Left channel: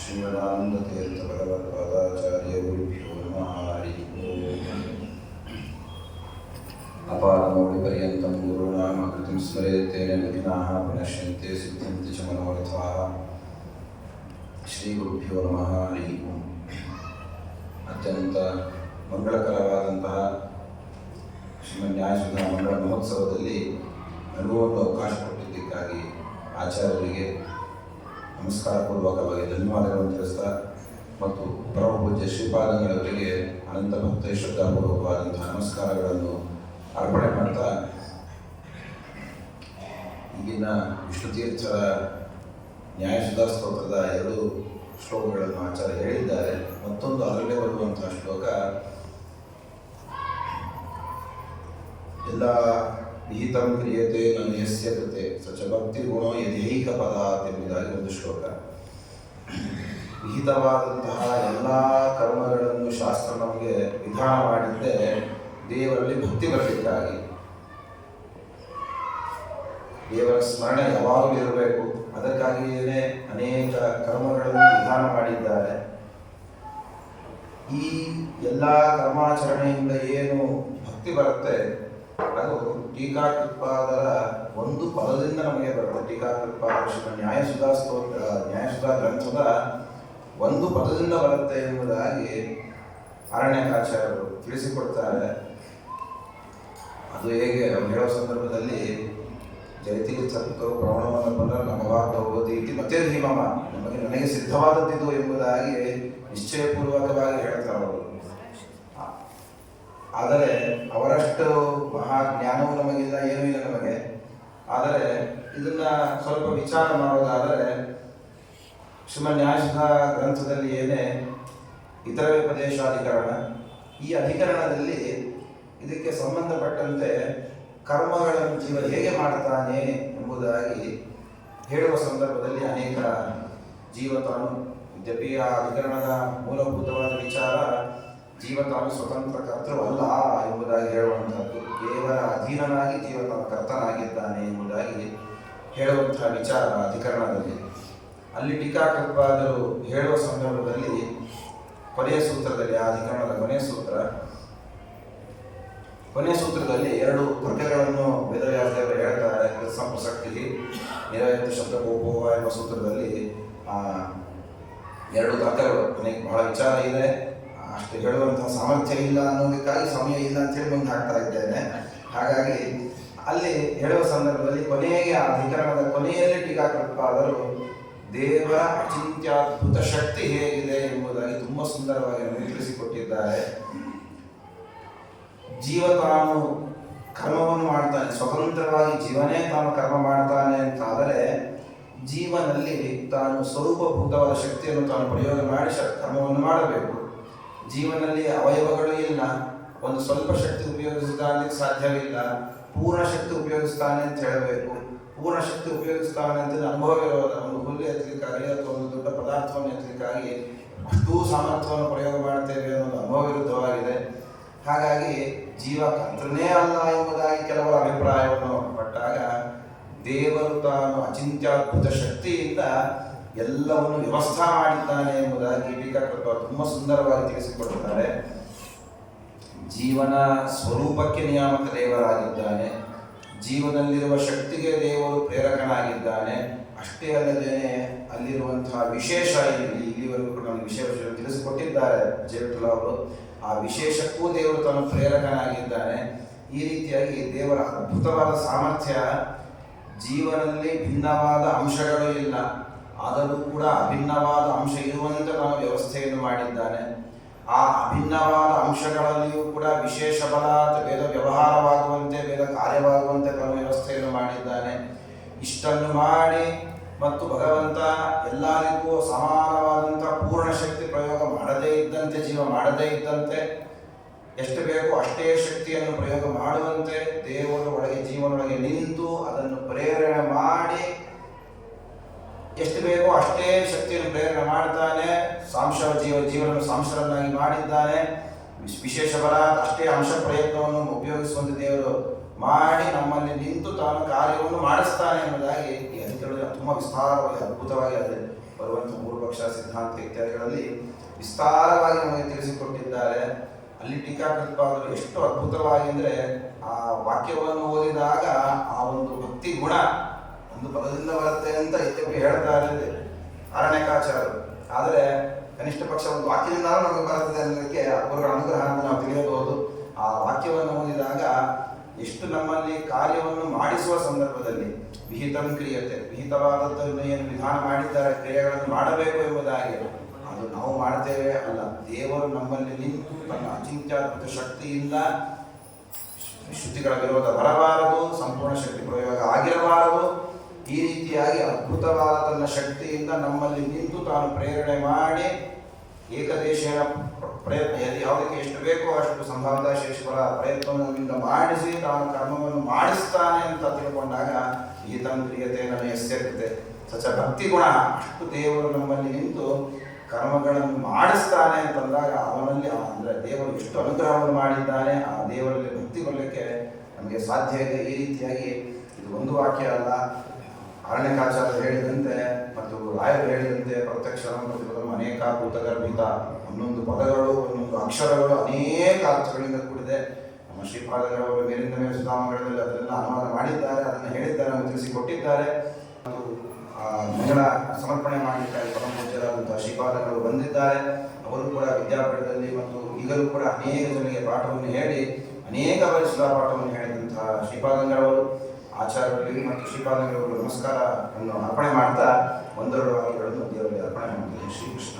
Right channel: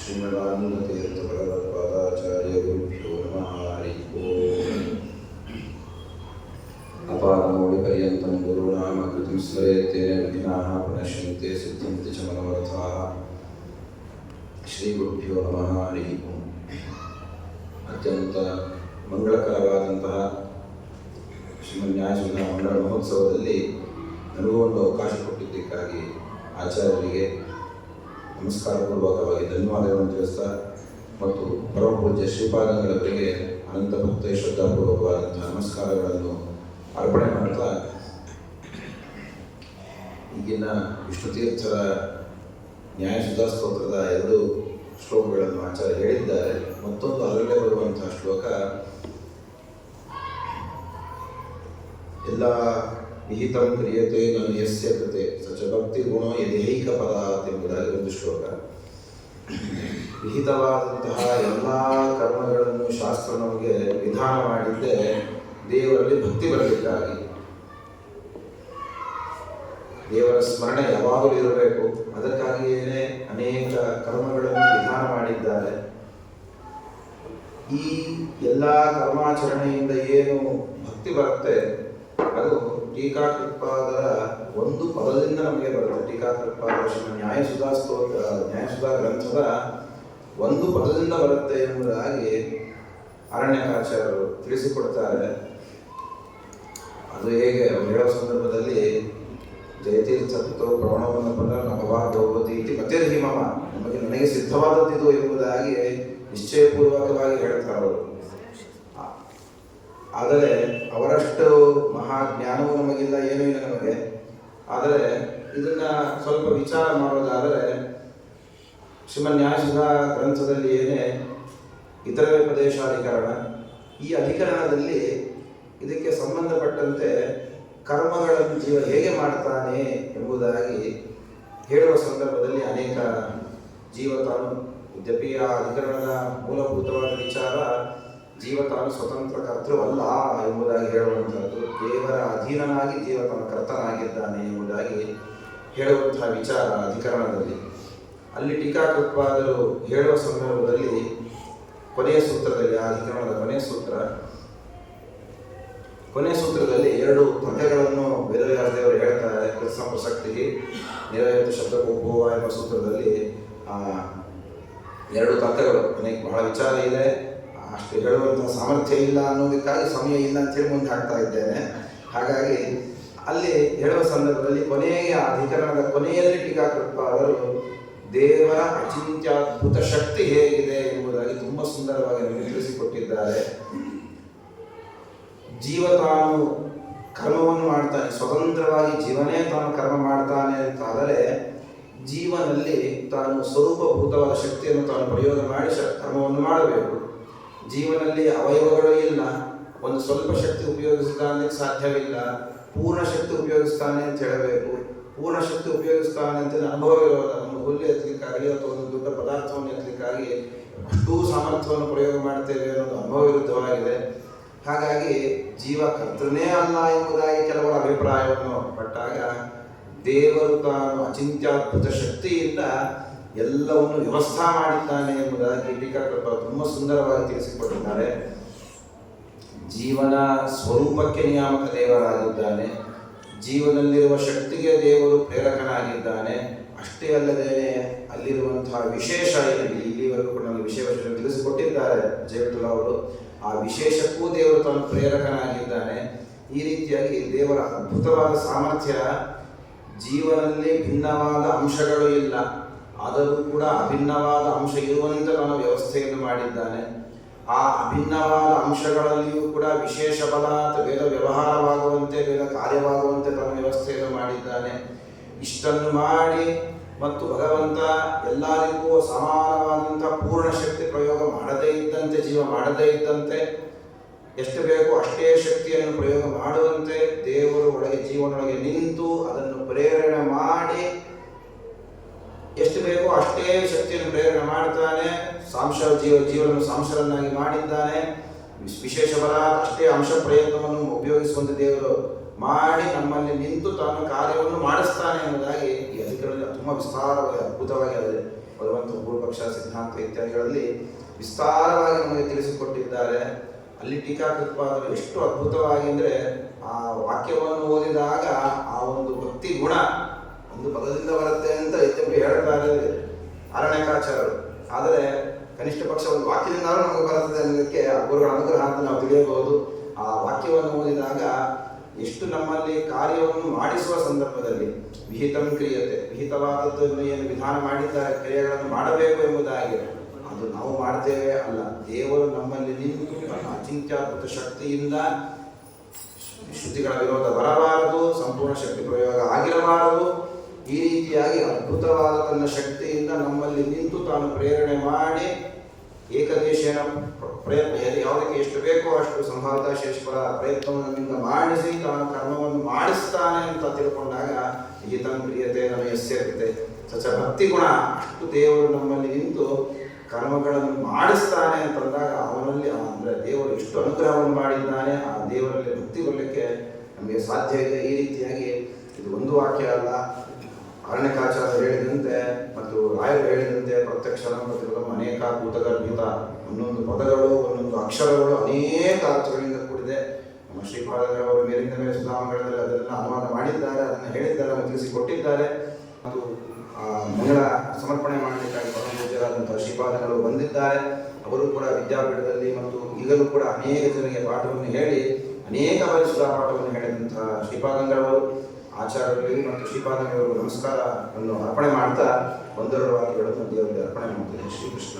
ಶ್ರೀಮದಾನಂದತೀರ್ಥ ಭಗವತ್ಪಾದಾಚಾರ್ಯ ಗುರುಭ್ಯೋ ನಮಃ. ಹರಿ ಓಂ. ಅಪಾರಮೌಳಿಪರ್ಯಂತಂ ಗುರುನಾಮಕೃತಿಂ ಸ್ಮರೆಯತ್ತೇನ ವಿಘ್ನಾಃ ಪ್ರಣಶ್ಯಂತೆ ಸಿದ್ಧಂತಿ ಚ ಶ್ರೀ ಶ್ರೀಗುರುಭ್ಯೋ ನಮಃ. ಹರಿ ಓಂ. ಅತ್ಯಂತ ಮಂಗಳಕರವಾದಂತಹ ಶ್ರೀಮನ್ಯಾಯಸುಧಾ ಮಂಗಳ ಮಹೋತ್ಸವದಲ್ಲಿ ನನಗೂ ಅವಕಾಶ ಕೊಟ್ಟಿದ್ದಕ್ಕಾಗಿ ಆಚಾರ್ಯರಿಗೆ ನಮಸ್ಕಾರ ಪೂರ್ವಕವಾಗಿ ಧನ್ಯವಾದಗಳನ್ನು ತಿಳಿಸ್ತಾ ಮತ್ತು ಪರಮಪೂಜ್ಯ ಶ್ರೀಪಾದಂಗಳವರಿಗೆ ಅನಂತ ಭಕ್ತ ಶ್ರದ್ಧಾಪೂರ್ವಕವಾದಂತಹ ನಮಸ್ಕಾರಗಳನ್ನು ಅರ್ಪಣೆ ಮಾಡ್ತಾ ಈಗಿನ ವಿಷ್ಣುತೀರ್ಥರ ನ್ಯಾಯಸುಧಾ ಸ್ತೋತ್ರದ ಎರಡು ಶ್ಲೋಕಗಳನ್ನು ಆಚಾರ್ಯ ಹೇಳಿದ್ದಾರೆ. ಮತ್ತೊಂದು ಅದರಲ್ಲೇ ಬರುವಂತಹ ಶ್ಲೋಕ, ಎಲ್ಲ ವಿಹಿತಂ ಕ್ರಿಯತೆ ನನ್ನ ಯಸ್ಯ ಕೃತೆ. ಸಚ ಭಕ್ತಿ ಗುಣ ಯದೇಹಿಕ ಪದ ಎಂಬುದಾಗಿ ಒಂದು ಶ್ಲೋಕ. ವಿಹಿತವಾದಂತಹ ಎಲ್ಲ ಕರ್ಮಗಳನ್ನು ಶಾಸ್ತ್ರ ನಮಗೆ ವಿಧಾನ ಮಾಡಿದ್ದೆ ದೇವರಲ್ಲಿ ಭಕ್ತಿ ಬರಲಿಕ್ಕಾಗಿ. ದೇವರ ಸ್ಮರಣೆ ಯಾವಾಗಲೂ ಇರಬೇಕು. ಅದಕ್ಕಾಗಿಯೇ ಅನೇಕ ಕರ್ಮಗಳನ್ನು ವಿಧಾನ ಮಾಡಿದ್ದಾರೆ. ಈ ಎಲ್ಲ ಕರ್ಮಾಚರಣೆಯಿಂದ ಏನು ಭಕ್ತಿ ಬರುತ್ತೆ ಅದು ಟೀಕಾಕೃತ್ಪಾದರ ಒಂದು ಪದದಿಂದ ನಮಗೆ ಬರುತ್ತೆ. ಟೀಕಾಕೃತ್ಪಾದರ ನ್ಯಾಯ ನ್ಯಾಯಸುಧಾ ಸ್ತೋತ್ರ ನ್ಯಾಯಸುಧಾ ಗ್ರಂಥದ ಒಂದು ಪದದಿಂದ ಬರುತ್ತೆ ಎಂಬುದಾಗಿ ಅರಣ್ಯಕಾಚಾರ್ಯರು ತಿಳಿಸಿಕೊಡ್ತಾರೆ. ಅದು ಹೇಗೆ? ಹೇಳೋ ಸಂದರ್ಭದಲ್ಲಿ ಜಯತೀರ್ಥತ್ತು ಪ್ರವಣವನ್ನು ಪುನರ್ ಹೋಗೋದು ಇತಿ ಮತ್ತೆ ಹಿಮಾಮ ನಮಗೆ ನನಗೆ ಸಿದ್ಧವಾದದ್ದಿದು ಎಂಬುದಾಗಿ ನಿಶ್ಚಯಪೂರ್ವಕವಾಗಿ ಹೇಳ್ತಾರೆ ಅವರು. ಆದರೆ ಅವರಷ್ಟು ಮಹಾಜ್ಞಾನವೂ ನಮಗಿಲ್ಲ, ಏನೂ ಇಲ್ಲ ನಮಗೆ. ಆದರೆ ಇದನ್ನು ಸ್ವಲ್ಪ ವಿಚಾರ ಮಾಡೋದಾದರೆ ಶ್ರೀಮನ್ಯಾಸದ ಗ್ರಂಥದಲ್ಲಿ ಏನೇ ಇತರ ಉಪದೇಶಾಧಿಕರಣ, ಈ ಅಧಿಕರಣದಲ್ಲಿ ಇದಕ್ಕೆ ಸಂಬಂಧಪಟ್ಟಂತೆ ಕರ್ಮಗಳನ್ನು ಜೀವ ಹೇಗೆ ಮಾಡ್ತಾನೆ ಎಂಬುದಾಗಿ ಹೇಳುವ ಸಂದರ್ಭದಲ್ಲಿ ಅನೇಕ ಜೀವ ತಾನು ಯದ್ಯಪಿ ಆ ಅಧಿಕರಣದ ಮೂಲಭೂತವಾದ ವಿಚಾರ ಜೀವ ತಾನು ಸ್ವತಂತ್ರ ಕರ್ತೃವಲ್ಲ ಎಂಬುದಾಗಿ ಹೇಳುವಂಥದ್ದು ದೇವರ ಅಧೀನನಾಗಿ ಜೀವ ತಾನು ಕರ್ತನಾಗಿದ್ದಾನೆ ಎಂಬುದಾಗಿ ಹೇಳುವಂತಹ ವಿಚಾರ ಅಧಿಕರಣದಲ್ಲಿ. ಅಲ್ಲಿ ಟೀಕಾಕೃತ್ವಾದರು ಹೇಳುವ ಸಂದರ್ಭದಲ್ಲಿ ಕೊನೆಯ ಸೂತ್ರದಲ್ಲಿ, ಆ ಅಧಿಕರಣದ ಕೊನೆಯ ಸೂತ್ರ, ಕೊನೆಯ ಸೂತ್ರದಲ್ಲಿ ಎರಡು ತರ್ಕಗಳನ್ನು ವೇದವ್ಯಾಸದೇವರು ಹೇಳ್ತಾರೆ. ಕೃತ್ಸ ನಿರಯತ್ತು ನಿರಯತು ಶಬ್ದಕೋಪೋವ ಎಂಬ ಸೂತ್ರದಲ್ಲಿ ಎರಡು ತರ್ಕಗಳು. ಬಹಳ ವಿಚಾರ ಇದೆ. ಹೇಳುವಂತಹ ಸಾಮರ್ಥ್ಯ ಇಲ್ಲ ಅನ್ನೋದಕ್ಕಾಗಿ ಸಮಯ ಇಲ್ಲ ಅಂತೇಳಿ ಮುಂದೆ ಹಾಕ್ತಾ ಇದ್ದೇನೆ. ಹಾಗಾಗಿ ಅಲ್ಲಿ ಹೇಳುವ ಸಂದರ್ಭದಲ್ಲಿ ಕೊನೆಯ ಅಧಿಕರಣದ ಕೊನೆಯಲ್ಲಿ ಟೀಕಾಕೃತ್ಪಾದರು ದೇವರ ಅಚಿಂತ್ಯದ್ಭುತ ಶಕ್ತಿ ಹೇಗಿದೆ ಎಂಬುದಾಗಿ ತುಂಬ ಸುಂದರವಾಗಿ ನಮಗೆ ತಿಳಿಸಿಕೊಟ್ಟಿದ್ದಾರೆ. ಜೀವ ತಾನು ಕರ್ಮವನ್ನು ಮಾಡ್ತಾನೆ, ಸ್ವತಂತ್ರವಾಗಿ ಜೀವನೇ ತಾನು ಕರ್ಮ ಮಾಡ್ತಾನೆ ಅಂತಾದರೆ ಜೀವನಲ್ಲಿ ತಾನು ಸ್ವರೂಪಭೂತವಾದ ಶಕ್ತಿಯನ್ನು ತಾನು ಪ್ರಯೋಗ ಮಾಡಿ ಕರ್ಮವನ್ನು ಮಾಡಬೇಕು. ಜೀವನಲ್ಲಿ ಅವಯವಗಳು ಇಲ್ಲ. ಒಂದು ಸ್ವಲ್ಪ ಶಕ್ತಿ ಉಪಯೋಗಿಸ್ತಾನೆ ಸಾಧ್ಯವಿಲ್ಲ. ಪೂರ್ಣ ಶಕ್ತಿ ಉಪಯೋಗಿಸ್ತಾನೆ ಅಂತ ಹೇಳಬೇಕು. ಪೂರ್ಣ ಶಕ್ತಿ ಉಪಯೋಗಿಸ್ತಾನೆ ಅಂತ ಅನುಭವವಿರೋದ ಒಂದು ಹುಲ್ಲು ಎತ್ತಲಿಕ್ಕಾಗಲಿ ಅಥವಾ ಒಂದು ದೊಡ್ಡ ಪದಾರ್ಥವನ್ನು ಎತ್ತಲಿಕ್ಕಾಗಿ ಅಷ್ಟೂ ಸಾಮರ್ಥ್ಯವನ್ನು ಪ್ರಯೋಗ ಮಾಡ್ತೇವೆ ಅನ್ನೋದು ಅನುಭವ ವಿರುದ್ಧವಾಗಿದೆ ಹಾಗಾಗಿ ಜೀವ ಕರ್ತನೇ ಅಲ್ಲ ಎಂಬುದಾಗಿ ಕೆಲವರ ಅಭಿಪ್ರಾಯವನ್ನು ಪಟ್ಟಾಗ ದೇವರು ತಾನು ಅಚಿಂತ್ಯದ್ಭುತ ಶಕ್ತಿಯಿಂದ ಎಲ್ಲವನ್ನು ವ್ಯವಸ್ಥಾ ಮಾಡಿದ್ದಾನೆ ಎಂಬುದಾಗಿ ಟೀಕಾಕೃತ ತುಂಬ ಸುಂದರವಾಗಿ ತಿಳಿಸಿಕೊಟ್ಟಿದ್ದಾರೆ. ಜೀವನ ಸ್ವರೂಪಕ್ಕೆ ನಿಯಾಮಕ ದೇವರಾಗಿದ್ದಾನೆ. ಜೀವನದಲ್ಲಿರುವ ಶಕ್ತಿಗೆ ದೇವರು ಪ್ರೇರಕನಾಗಿದ್ದಾನೆ. ಅಷ್ಟೇ ಅಲ್ಲದೇನೆ ಅಲ್ಲಿರುವಂತಹ ವಿಶೇಷ ಇಲ್ಲಿ ಇಲ್ಲಿವರೆಗೂ ಕೂಡ ನಮಗೆ ವಿಷಯ ವಿಷಯ ತಿಳಿಸಿಕೊಟ್ಟಿದ್ದಾರೆ ಜಯವಿಠಲ ಅವರು. ಆ ವಿಶೇಷಕ್ಕೂ ದೇವರು ತನ್ನ ಪ್ರೇರಕನಾಗಿದ್ದಾನೆ. ಈ ರೀತಿಯಾಗಿ ದೇವರ ಅದ್ಭುತವಾದ ಸಾಮರ್ಥ್ಯ ಜೀವನದಲ್ಲಿ ಭಿನ್ನವಾದ ಅಂಶಗಳು ಇಲ್ಲ. ಆದರೂ ಕೂಡ ಅಭಿನ್ನವಾದ ಅಂಶ ಇರುವಂತೆ ನಾನು ವ್ಯವಸ್ಥೆಯನ್ನು ಮಾಡಿದ್ದಾನೆ. ಆ ಅಭಿನ್ನವಾದ ಅಂಶಗಳಲ್ಲಿಯೂ ಕೂಡ ವಿಶೇಷ ಬಲ ವೇದ ವ್ಯವಹಾರವಾಗುವಂತೆ ವೇದ ಕಾರ್ಯವಾಗುವಂತೆ ತನ್ನ ವ್ಯವಸ್ಥೆಯನ್ನು ಮಾಡಿದ್ದಾನೆ. ಇಷ್ಟನ್ನು ಮಾಡಿ ಮತ್ತು ಭಗವಂತ ಎಲ್ಲರಿಗೂ ಸಮಾನವಾದಂಥ ಪೂರ್ಣ ಶಕ್ತಿ ಪ್ರಯೋಗ ಮಾಡದೇ ಇದ್ದಂತೆ, ಜೀವ ಮಾಡದೇ ಇದ್ದಂತೆ, ಎಷ್ಟು ಬೇಕೋ ಅಷ್ಟೇ ಶಕ್ತಿಯನ್ನು ಪ್ರಯೋಗ ಮಾಡುವಂತೆ ದೇವರು ಒಳಗೆ, ಜೀವನೊಳಗೆ ನಿಂತು ಅದನ್ನು ಪ್ರೇರಣೆ ಮಾಡಿ ಎಷ್ಟು ಬೇಕೋ ಅಷ್ಟೇ ಶಕ್ತಿಯನ್ನು ಪ್ರೇರಣೆ ಮಾಡ್ತಾನೆ ಸಾಂಶ ಜೀವ, ಜೀವನವನ್ನು ಸಾಂಶರನ್ನಾಗಿ ಮಾಡಿದ್ದಾನೆ. ವಿಶ್- ವಿಶೇಷ ಬಲ, ಅಷ್ಟೇ ಅಂಶ ಪ್ರಯತ್ನವನ್ನು ಉಪಯೋಗಿಸುವಂತೆ ದೇವರು ಮಾಡಿ ನಮ್ಮಲ್ಲಿ ನಿಂತು ತಾನು ಕಾರ್ಯವನ್ನು ಮಾಡಿಸ್ತಾನೆ ಎಂಬುದಾಗಿ ಈ ಅಧಿಕರಣ ತುಂಬ ವಿಸ್ತಾರವಾಗಿ, ಅದ್ಭುತವಾಗಿ ಅದು ಬರುವಂಥ ಪೂರ್ವಪಕ್ಷ ಸಿದ್ಧಾಂತ ಇತ್ಯಾದಿಗಳಲ್ಲಿ ವಿಸ್ತಾರವಾಗಿ ನಮಗೆ ತಿಳಿಸಿಕೊಟ್ಟಿದ್ದಾರೆ. ಅಲ್ಲಿ ಟೀಕಾಕೃತ್ಪಾದರು ಎಷ್ಟು ಅದ್ಭುತವಾಗಿ ಅಂದರೆ ಆ ವಾಕ್ಯವನ್ನು ಓದಿದಾಗ ಆ ಒಂದು ಭಕ್ತಿ ಗುಣ ಒಂದು ಪದದಿಂದ ಬರುತ್ತೆ ಅಂತ ಯದ್ಯಪಿ ಹೇಳ್ತಾರೆ ಅರಣ್ಯಕಾಚಾರರು ಆದರೆ ಕನಿಷ್ಠ ಪಕ್ಷ ಒಂದು ವಾಕ್ಯದಿಂದಾದ್ರೂ ನಮಗೆ ಬರುತ್ತದೆ ಅನ್ನೋದಕ್ಕೆ ಆ ಗುರುಗಳ ಅನುಗ್ರಹ ಅಂತ ನಾವು ತಿಳಿಯಬಹುದು. ಆ ವಾಕ್ಯವನ್ನು ಓದಿದಾಗ ಎಷ್ಟು ನಮ್ಮಲ್ಲಿ ಕಾರ್ಯವನ್ನು ಮಾಡಿಸುವ ಸಂದರ್ಭದಲ್ಲಿ ವಿಹಿತಂ ಕ್ರಿಯತೆ ವಿಹಿತವಾದದ್ದನ್ನು ಏನು ವಿಧಾನ ಮಾಡಿದ್ದಾರೆ, ಕ್ರಿಯೆಗಳನ್ನು ಮಾಡಬೇಕು ಎಂಬುದಾಗಿ ಅದು ನಾವು ಮಾಡ್ತೇವೆ ಅಲ್ಲ. ದೇವರು ನಮ್ಮಲ್ಲಿ ನಿಂತು ತನ್ನ ಅಚಿಂತ್ಯದ್ಭುತ ಶಕ್ತಿಯಿಂದ ಶ್ರುತಿಗಳ ವಿರೋಧ ಬರಬಾರದು, ಸಂಪೂರ್ಣ ಶಕ್ತಿ ಪ್ರಯೋಗ ಆಗಿರಬಾರದು. ಈ ರೀತಿಯಾಗಿ ಅದ್ಭುತವಾದ ತನ್ನ ಶಕ್ತಿಯಿಂದ ನಮ್ಮಲ್ಲಿ ನಿಂತು ತಾನು ಪ್ರೇರಣೆ ಮಾಡಿ ಏಕದೇಶನ ಪ್ರ- ಪ್ರಯತ್ನ ಯಾವುದಕ್ಕೆ ಎಷ್ಟು ಬೇಕೋ ಅಷ್ಟು ಸಂಭಾವಿತ ಶೇಷಪರ ಪ್ರಯತ್ನವನ್ನು ಮಾಡಿಸಿ, ತಾನು ಕರ್ಮವನ್ನು ಮಾಡಿಸ್ತಾನೆ ಅಂತ ತಿಳ್ಕೊಂಡಾಗ ಈತಂ ಪ್ರಿಯತೆ ನನ್ನ ಯಸ್ಯ ಕೃತೆ ಸಚ ಭಕ್ತಿ ಗುಣ, ಅಷ್ಟು ದೇವರು ನಮ್ಮಲ್ಲಿ ನಿಂತು ಕರ್ಮಗಳನ್ನು ಮಾಡಿಸ್ತಾನೆ ಅಂತಂದಾಗ ಅವನಲ್ಲಿ ಅಂದ್ರೆ ದೇವರು ಎಷ್ಟು ಅನುಗ್ರಹವನ್ನು ಮಾಡಿದ್ದಾನೆ, ಆ ದೇವರಲ್ಲಿ ಭಕ್ತಿ ಕೊಡಲಿಕ್ಕೆ ನಮಗೆ ಸಾಧ್ಯ ಇದೆ. ಈ ರೀತಿಯಾಗಿ ಇದು ಒಂದು ವಾಕ್ಯ ಅಲ್ಲ. ಅರಣ್ಯಕಾಚಾರ್ಯರು ಹೇಳಿದಂತೆ ಮತ್ತು ರಾಯರು ಹೇಳಿದಂತೆ ಪ್ರತ್ಯಕ್ಷ ಪ್ರತಿಫಲಂ ಅನೇಕ ಭೂತಗರ್ಭಿತ ಒಂದೊಂದು ಪದಗಳು, ಒಂದೊಂದು ಅಕ್ಷರಗಳು ಅನೇಕ ಅರ್ಥಗಳಿಂದ ಕೂಡಿದೆ. ನಮ್ಮ ಶ್ರೀಪಾದರವರು ಮೇಲಿಂದ ಮೇಲೆ ಸುಧಾಮಗಳಲ್ಲಿ ಅದನ್ನೆಲ್ಲ ಅನುವಾದ ಮಾಡಿದ್ದಾರೆ, ಅದನ್ನು ಹೇಳಿದ್ದಾರೆ ಮತ್ತು ತಿಳಿಸಿಕೊಟ್ಟಿದ್ದಾರೆ. ಮತ್ತು ಮಹಿಳಾ ಸಮರ್ಪಣೆ ಮಾಡಲಿಕ್ಕಾಗಿ ಪರಮ ಪೂಜ್ಯರಾದಂತಹ ಶ್ರೀಪಾದಗಳು ಬಂದಿದ್ದಾರೆ. ಅವರು ಕೂಡ ವಿದ್ಯಾಪೀಠದಲ್ಲಿ ಮತ್ತು ಈಗಲೂ ಕೂಡ ಅನೇಕ ಜನರಿಗೆ ಪಾಠವನ್ನು ಹೇಳಿ, ಅನೇಕ ಬಾರಿ ಸುಧಾ ಪಾಠವನ್ನು ಹೇಳಿದಂತಹ ಶ್ರೀಪಾದಂಗಳವರು ಆಚಾರ್ಯರಿಗೆ ಮತ್ತು ಶ್ರೀಪಾದಿಗಳಿಗೂ ನಮಸ್ಕಾರವನ್ನು ಅರ್ಪಣೆ ಮಾಡ್ತಾ ಒಂದೆರಡು ವಾಕ್ಯಗಳನ್ನು ದೇವರಿಗೆ ಅರ್ಪಣೆ ಮಾಡ್ತೀನಿ. ಶ್ರೀಕೃಷ್ಣ.